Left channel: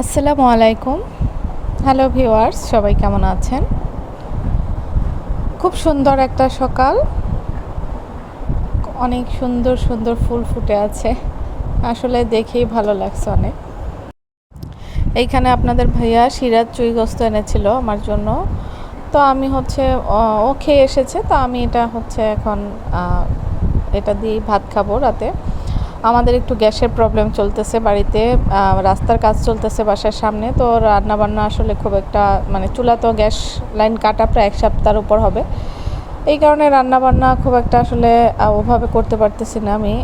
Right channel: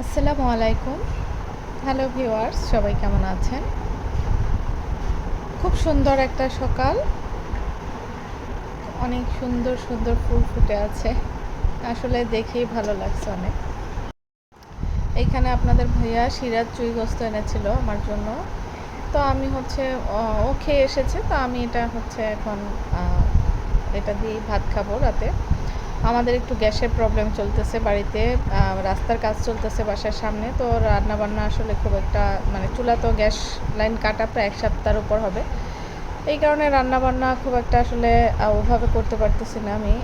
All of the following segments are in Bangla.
আসসালামু আলাইকুম। হ্যালো ভিউয়ার্স, সবাই কেমন আছেন? খুব সুন্দর একটা সকাল। অনেক সুন্দর সুন্দর ফুল ফুটে আছে। আসলে দেখেই ভালো লাগছে অনেক। এইখানে আপনাদের ভাইয়া সিরাজ চুই গোস্ত এনেছিল আমার জন্য। তো আমি হচ্ছে ও খেয়ে এসেছে, তো আমি এটা হচ্ছে এখন এটা দিয়েই ভাত খাবো রাতে। আমাদের একটু গ্যাসের প্রবলেম চলতেছে বাড়িতে। রাস্তার কাজ চলতেছে বাসার সামনে, তো রান্নাবান্না আসলে খুব একটা মানে চুলা তো গ্যাস লাইন কাটা প্রায় 1 সপ্তাহের উপর হবে। এই কারণে রান্নাবান্না খুব একটা আসলে ওভাবে করতে পারতেছি না আমি।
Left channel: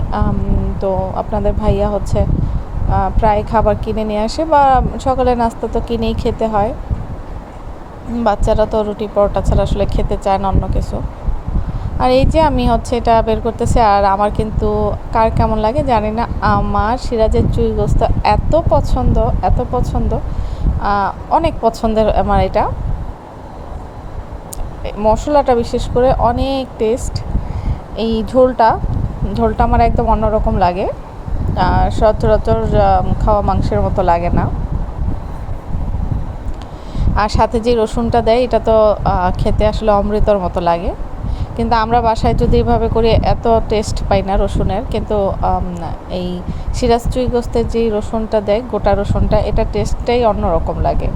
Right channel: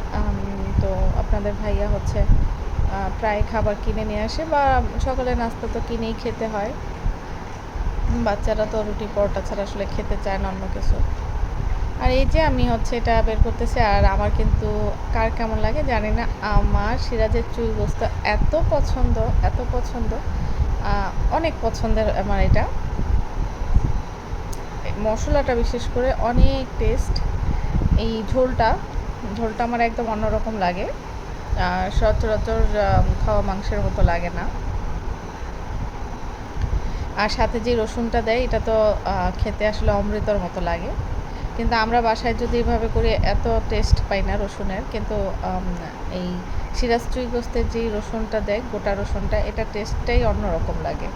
তো আপনাদের ভাইয়া হচ্ছে প্রায় খাবার কিনে নিয়ে আসে, বা সকালে নাস্তা তো কিনেই খেতে হয়। বাচ্চারা তো রুটি পরোটা ছাড়া আসলে খেতে চায় না অন্য কিছু। আর এই যে আমি হচ্ছে এটা বের করতেছি, আর আমার কিন্তু কার কেমন লাগে জানি না, আমার সিরাজের চুই গোস্ত এত পছন্দ, এত পছন্দ, অনেক পছন্দের আমার এটা। মশলাটা বিশেষ করে অনেক টেস্ট। এই ঝোলটা ঝোলটা আমার একদম অন্যরকম লাগে, সচরাচর খাওয়া মাংসের মতো লাগে না। আর সাথে যে রসুনটা দেয় এটা তো খেতে আসলে অমৃতর মতো লাগে। কিন্তু আমরা বাসায় যদি এভাবে করি এত টেস্ট পাই না রসুনের, কিন্তু এই সিরাজ চুই গোস্তের যে রসুনটা দেয়, গোটা রসুনটা, এটা টেস্টটাই অন্যরকম লাগে।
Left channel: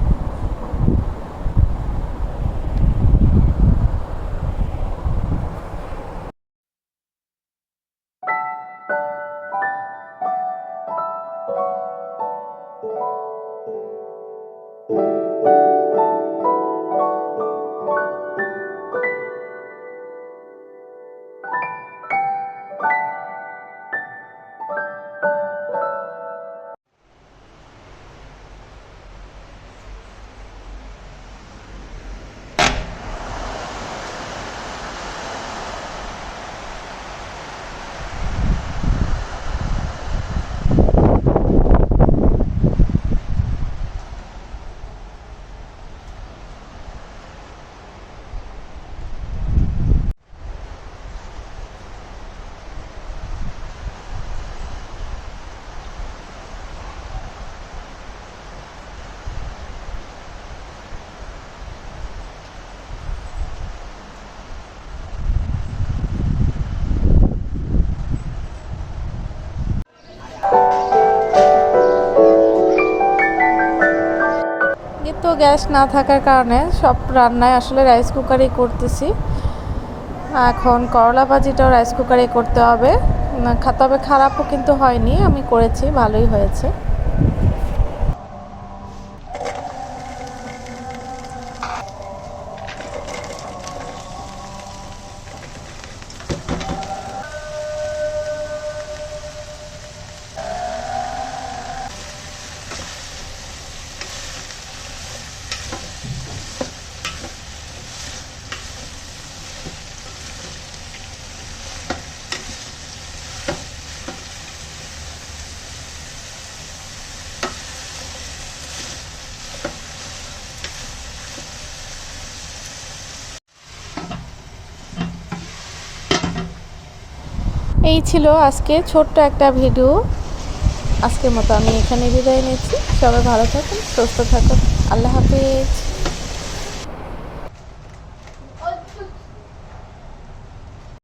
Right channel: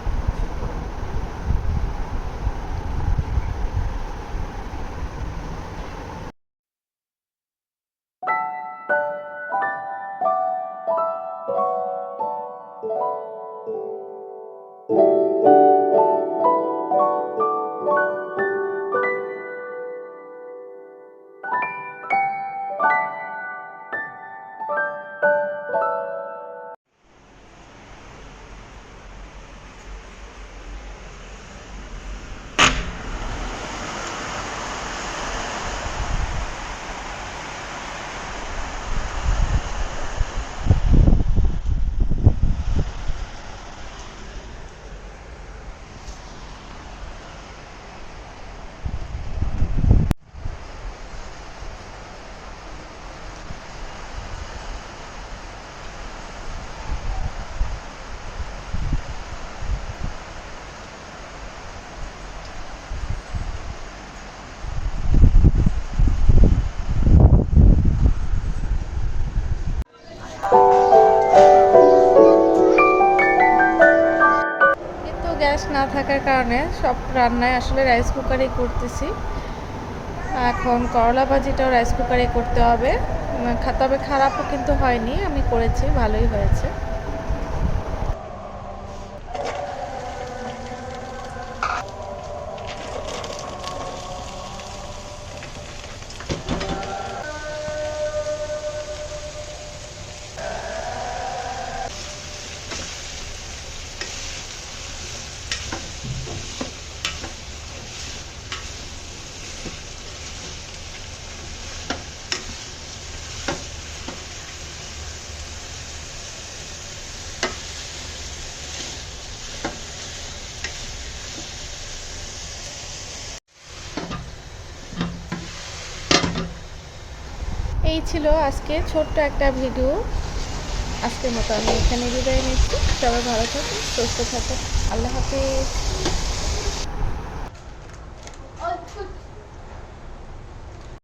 কিন্তু গ্যাস না থাকার কারণে সব রান্নায় আসলে রাইস কুকারেই করতেছি। এখন করলা ভাজিটাও রাইস কুকারেই করতে হবে। তবে খারাপও কিন্তু হয়নি, আমি করেছি, ভালোই হয়েছে। এই ছিল আজকে ছোট্ট একটা ভিডিও। আজকের মতো আমি এখানে বিদায় নিচ্ছি। সবাই ভালো থাকুন, সুস্থ থাকুন। আল্লাহ হাফিজ।